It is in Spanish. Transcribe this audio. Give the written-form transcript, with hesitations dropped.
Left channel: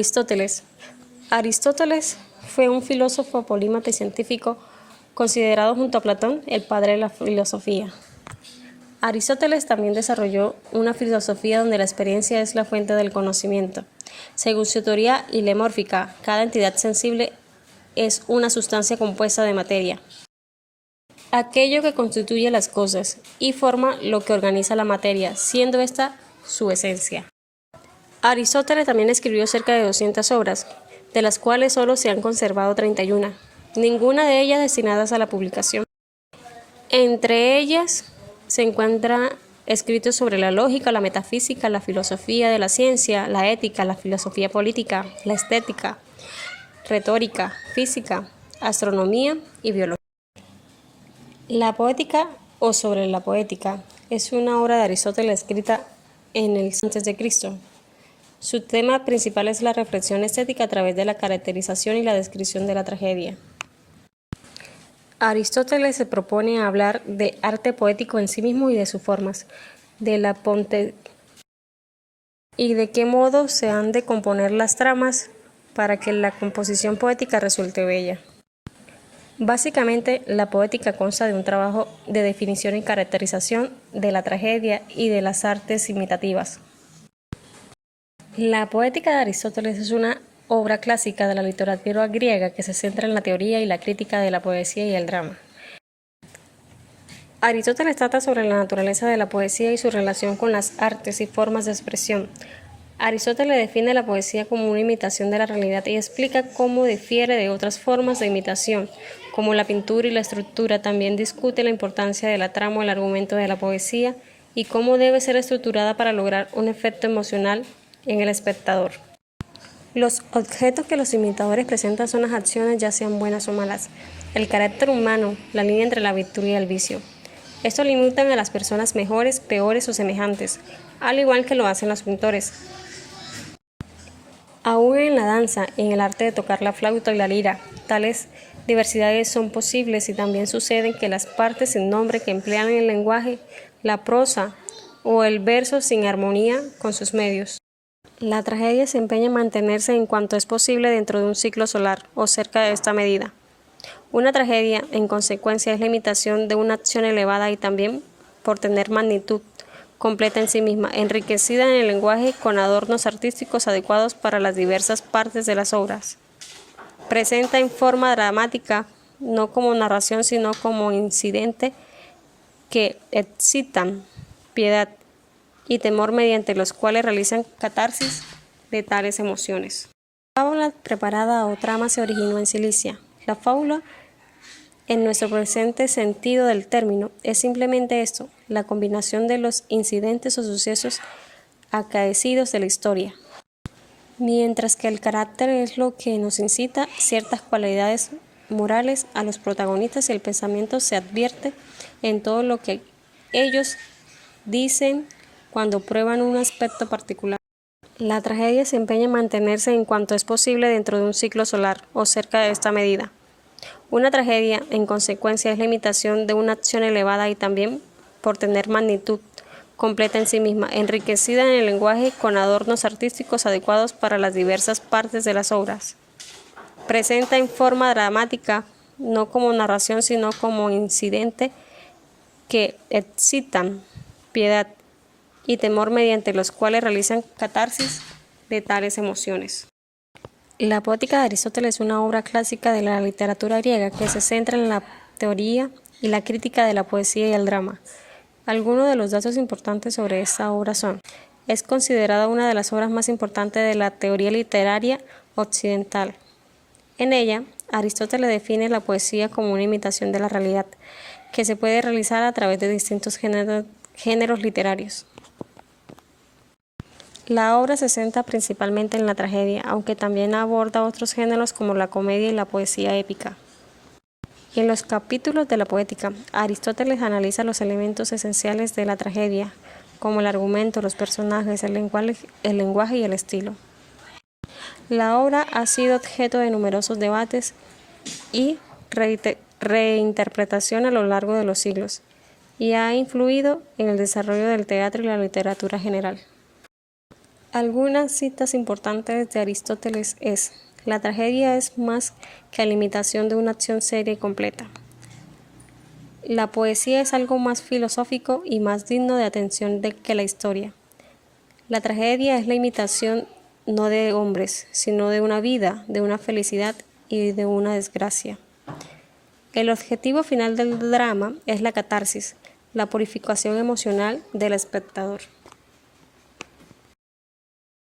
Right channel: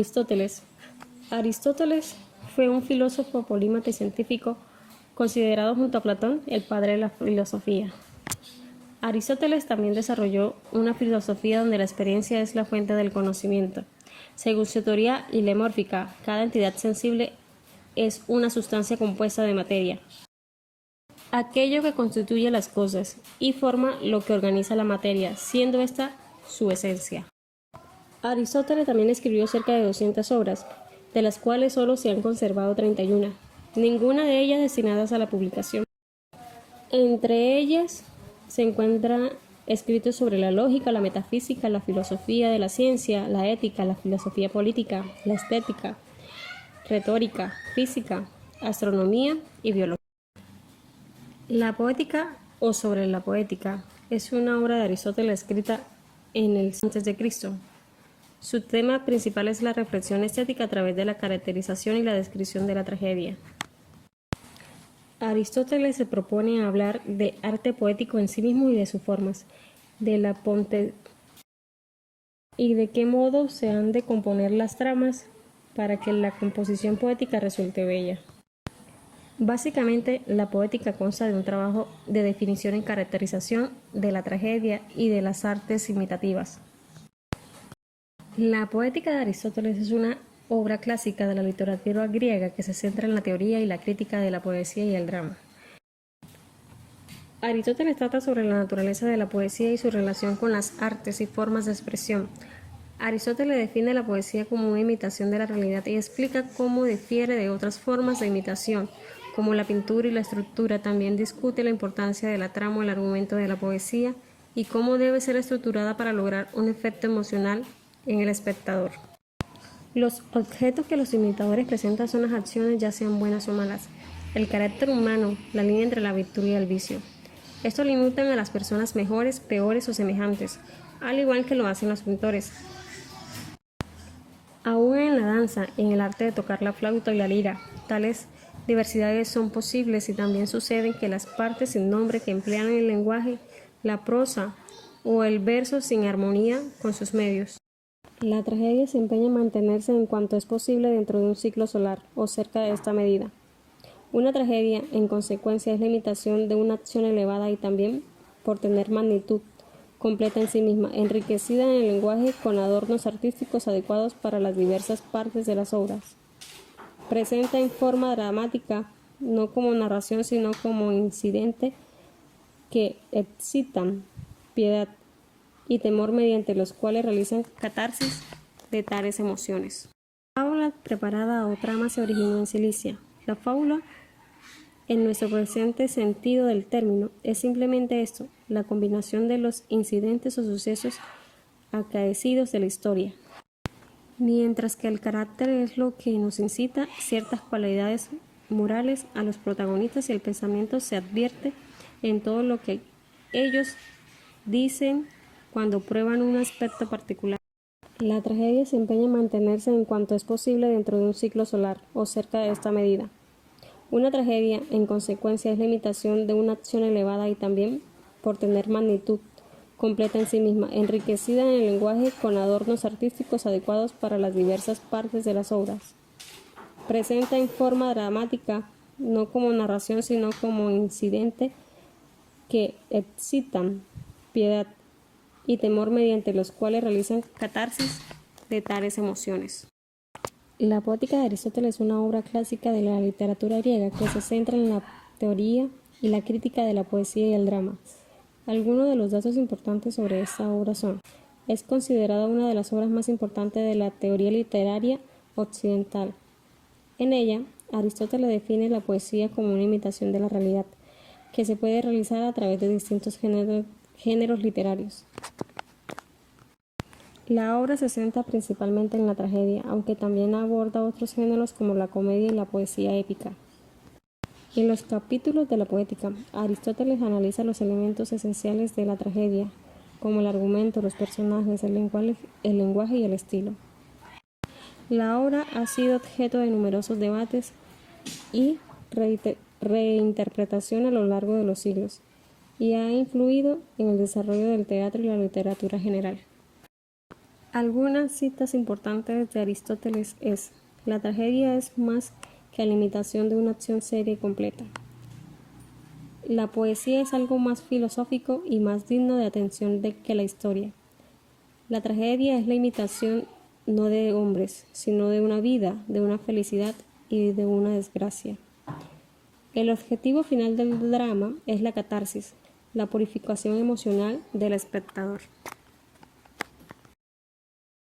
Aristóteles. Aristóteles fue un filósofo polímata y científico considerado junto a Platón el padre de la filosofía. Aristóteles también desarrolló una filosofía donde la experiencia es la fuente del conocimiento. Según su teoría hilemórfica, cada entidad sensible es una sustancia compuesta de materia, aquello que constituye las cosas, y forma lo que organiza la materia, siendo esta su esencia. Aristóteles también escribió cerca de 200 obras, de las cuales solo se han conservado 31, ninguna de ellas destinadas a la publicación. Entre ellas se encuentran escritos sobre la lógica, la metafísica, la filosofía de la ciencia, la ética, la filosofía política, la estética, retórica, física, astronomía y biología. La poética o sobre la poética es una obra de Aristóteles escrita en el antes de Cristo. Su tema principal es la reflexión estética a través de la caracterización y la descripción de la tragedia. Aristóteles se propone hablar de arte poético en sí mismo y de sus formas, de la y de qué modo se han de componer las tramas para que la composición poética resulte bella. Básicamente, la poética consta de un trabajo de definición y caracterización de la tragedia y de las artes imitativas. La poética de Aristóteles es una obra clásica de la literatura griega que se centra en la teoría y la crítica de la poesía y el drama. Aristóteles trata sobre la naturaleza de la poesía y su relación con las artes y formas de expresión. Aristóteles define la poesía como una imitación de la realidad y explica cómo difiere de otras formas de imitación, como la pintura y la estructura. También discute la importancia de la trama o el argumento de la poesía y cómo debe ser estructurada para lograr un efecto emocional en el espectador. Los objetos que los imitadores presentan son las acciones, ya sean buenas o malas, el carácter humano, la línea entre la virtud y el vicio. Estos limitan a las personas mejores, peores o semejantes, al igual que lo hacen los pintores. Aún en la danza, en el arte de tocar la flauta y la lira, tales diversidades son posibles y también suceden que las partes sin nombre que emplean el lenguaje, la prosa o el verso sin armonía con sus medios. La tragedia se empeña en mantenerse en cuanto es posible dentro de un ciclo solar o cerca de esta medida. Una tragedia, en consecuencia, es la imitación de una acción elevada y también, por tener magnitud completa en sí misma, enriquecida en el lenguaje con adornos artísticos adecuados para las diversas partes de las obras. Presenta en forma dramática, no como narración, sino como incidente que excitan piedad y temor mediante los cuales realizan catarsis de tales emociones. La fábula preparada o trama se originó en Cilicia. La fábula, en nuestro presente sentido del término, es simplemente esto, la combinación de los incidentes o sucesos acaecidos de la historia. Mientras que el carácter es lo que nos incita ciertas cualidades morales a los protagonistas y el pensamiento se advierte en todo lo que ellos dicen cuando prueban un aspecto particular. La tragedia se empeña en mantenerse en cuanto es posible dentro de un ciclo solar o cerca de esta medida. Una tragedia, en consecuencia, es la imitación de una acción elevada y también, por tener magnitud completa en sí misma, enriquecida en el lenguaje con adornos artísticos adecuados para las diversas partes de las obras. Presenta en forma dramática, no como narración, sino como incidente que excitan piedad y temor mediante los cuales realizan catarsis de tales emociones. La poética de Aristóteles es una obra clásica de la literatura griega que se centra en la teoría y la crítica de la poesía y el drama. Algunos de los datos importantes sobre esta obra son: es considerada una de las obras más importantes de la teoría literaria occidental. En ella, Aristóteles define la poesía como una imitación de la realidad, que se puede realizar a través de distintos géneros literarios. La obra se centra principalmente en la tragedia, aunque también aborda otros géneros como la comedia y la poesía épica. En los capítulos de la poética, Aristóteles analiza los elementos esenciales de la tragedia, como el argumento, los personajes, el lenguaje y el estilo. La obra ha sido objeto de numerosos debates y reinterpretación a lo largo de los siglos, y ha influido en el desarrollo del teatro y la literatura general. Algunas citas importantes de Aristóteles es: la tragedia es más que la imitación de una acción seria y completa. La poesía es algo más filosófico y más digno de atención que la historia. La tragedia es la imitación no de hombres, sino de una vida, de una felicidad y de una desgracia. El objetivo final del drama es la catarsis, la purificación emocional del espectador.